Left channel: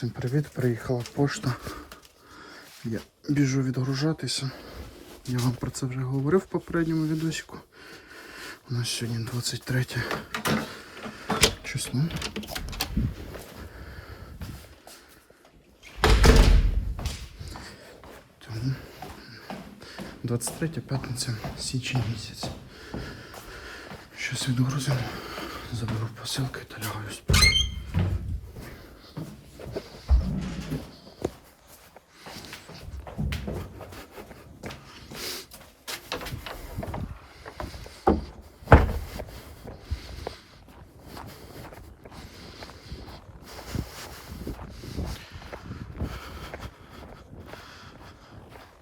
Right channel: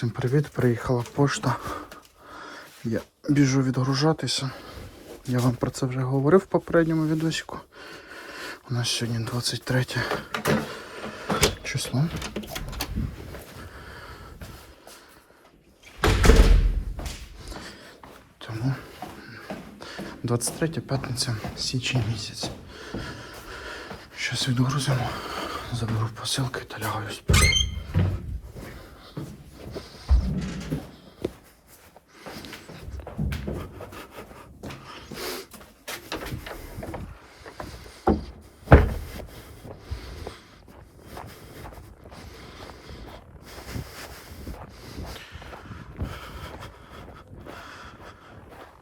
Всім привіт, приїхала пошта. Я біжу відгружатися. Я вам про це вже говорив в попередньому відосику. У нас сьогодні 23 число. Тому 23 п'ятниця, січень місяць. Щас відгрузимо, заберу посилки та лягаю спати.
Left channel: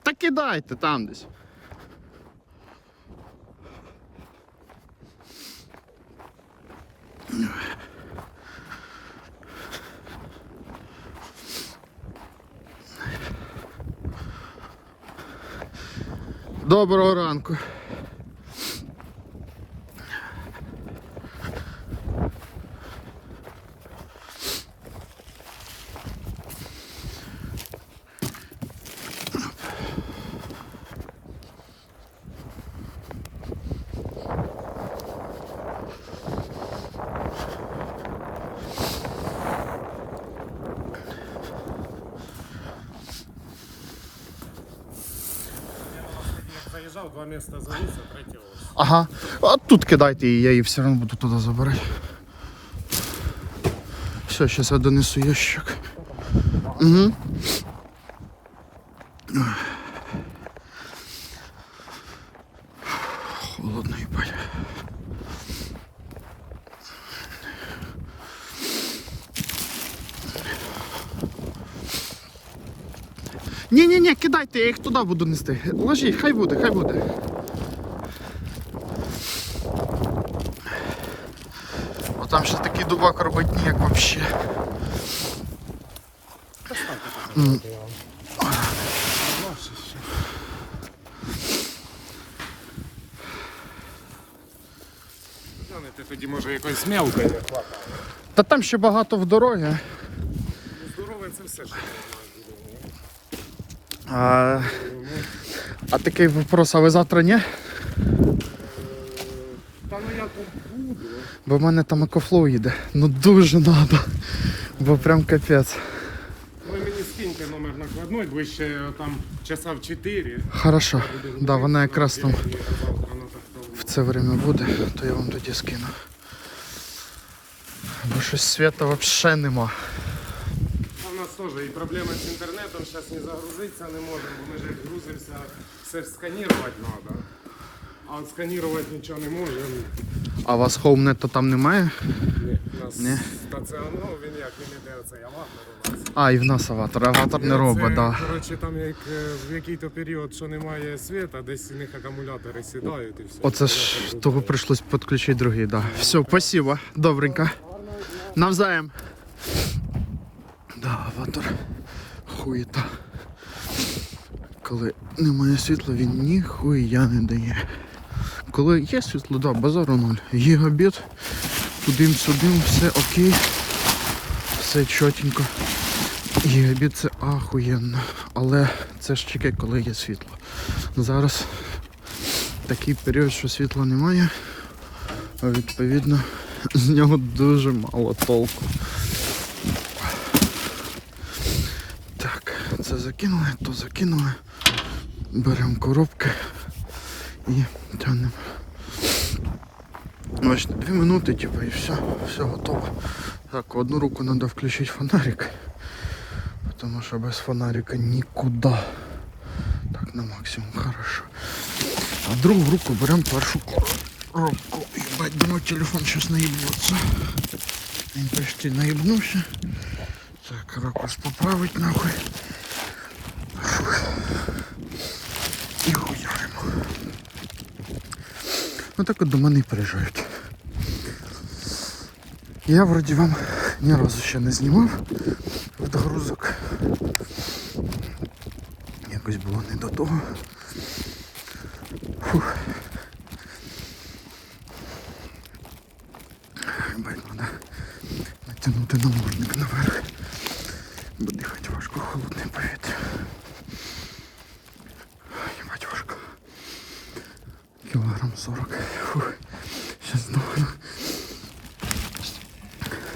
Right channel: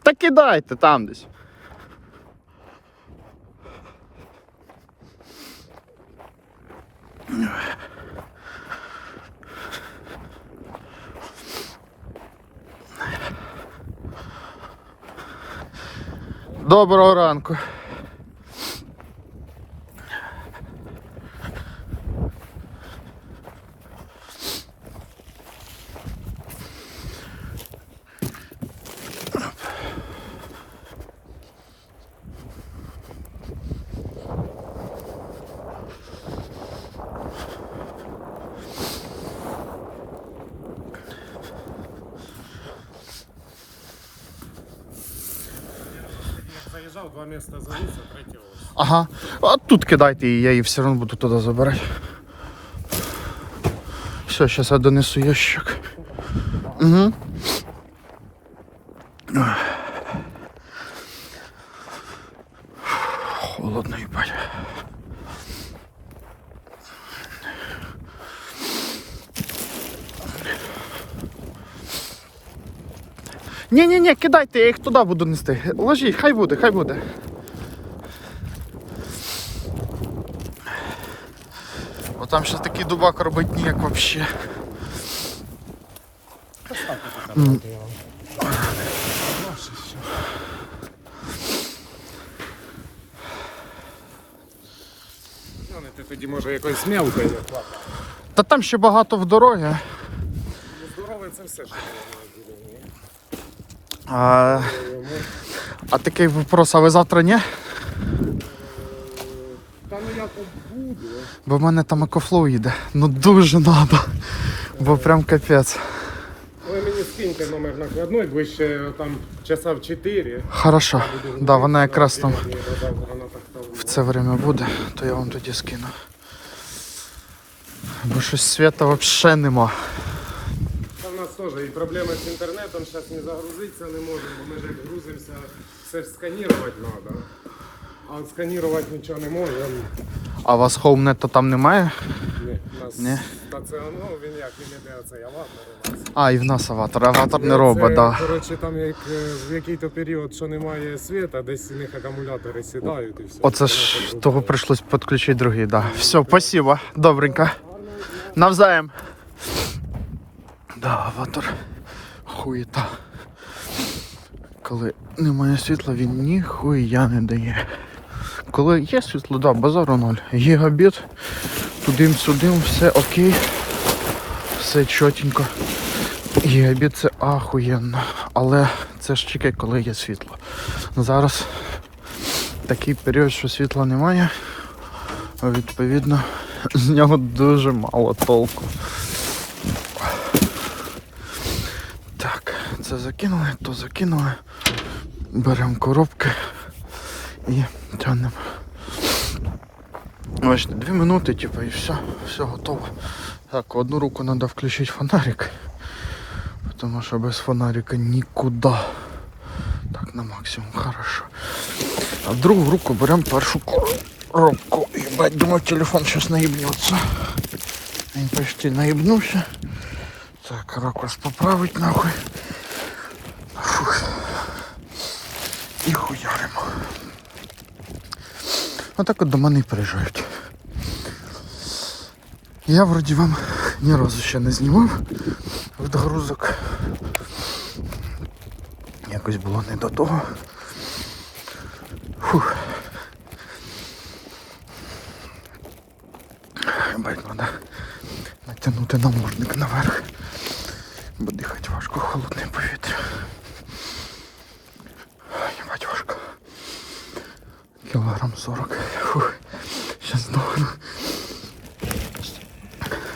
Та кидайте там десь. Доброго ранку. Заїжджав, два міста завівся, третє ось. Ага. А тут кидайте її, я її все одно буду туди забирати. Все, зараз я донесу ящик. Угу. Ні-ні-ні, кидайте, я їх туди буду нести. Ложіть, хай буде, хай буде. Бо там ще такий дубак робить ніяк. Ти тоді може якось мелкий. Та там ще багато в дорогі. Здоровий це все, що я маю буде. А, а такий вопрос, а ви завтра ні? Та ну я то буду. Бо в мене там екофлоу їде. Ну дуже надо. Бо прям капець. Ви мені скиньте номер накладной, ближче там часа в 4. Хорошо. Да, вона якраз там в це время буде, то я вам тоді скину. Бо щось свята взагалі нема. Теж і проблеми з інтернетом, зараз не загрузитися не можемо, бо ми ж як грузимося, все ж сканувати треба. А сканувати нічого не можемо. А у вас хоумнету там немає? У нас Ні. стаціонар, він як іде цей аватар у нас. А, і в нас аватар. Аватор не робить, да. Коротше, там як е, в який-то період, що немає світа, десь у них акумулятори сідають і все. Оце ж того прийшлось підключити другий, да. Все, спасибо. Добренько. Навзаєм. Да, аватар. Хуєта. Коли немає світла, він ніхуя не дає. Коли є світло, да, базару ноль. Гігабіт, тудим-сюдим, все окей. Все чотенько. Гігабіт це ахуєнно. Але це ж тільки коли є світло. Зараз такий період, що світла немає. Відповідно, з нього дуже мало толку. Так, це закинули, то закинули. Беремо коробки і тягнемо. Бачите, дві минути, типу, і все, все готово. Так, одну руку треба включити фонарик, тому що без фонарика нікуди. Так, на максимум, хорошо. А в другу руку беремо першу коробку. Ебать, думаю, телефон сейчас наебнется. Він почти наебнувся. Так, ракурс поправить нахуй. Фух. І хуяримо. Отак от до мене приїжджають. Я вроді вам ні разу ще не знімав відгрузок. Якось було не до того. Фух. Бать, треба натягнути намордник наверх. важко холодне повітря. кілограм 40. Фух. Щас знову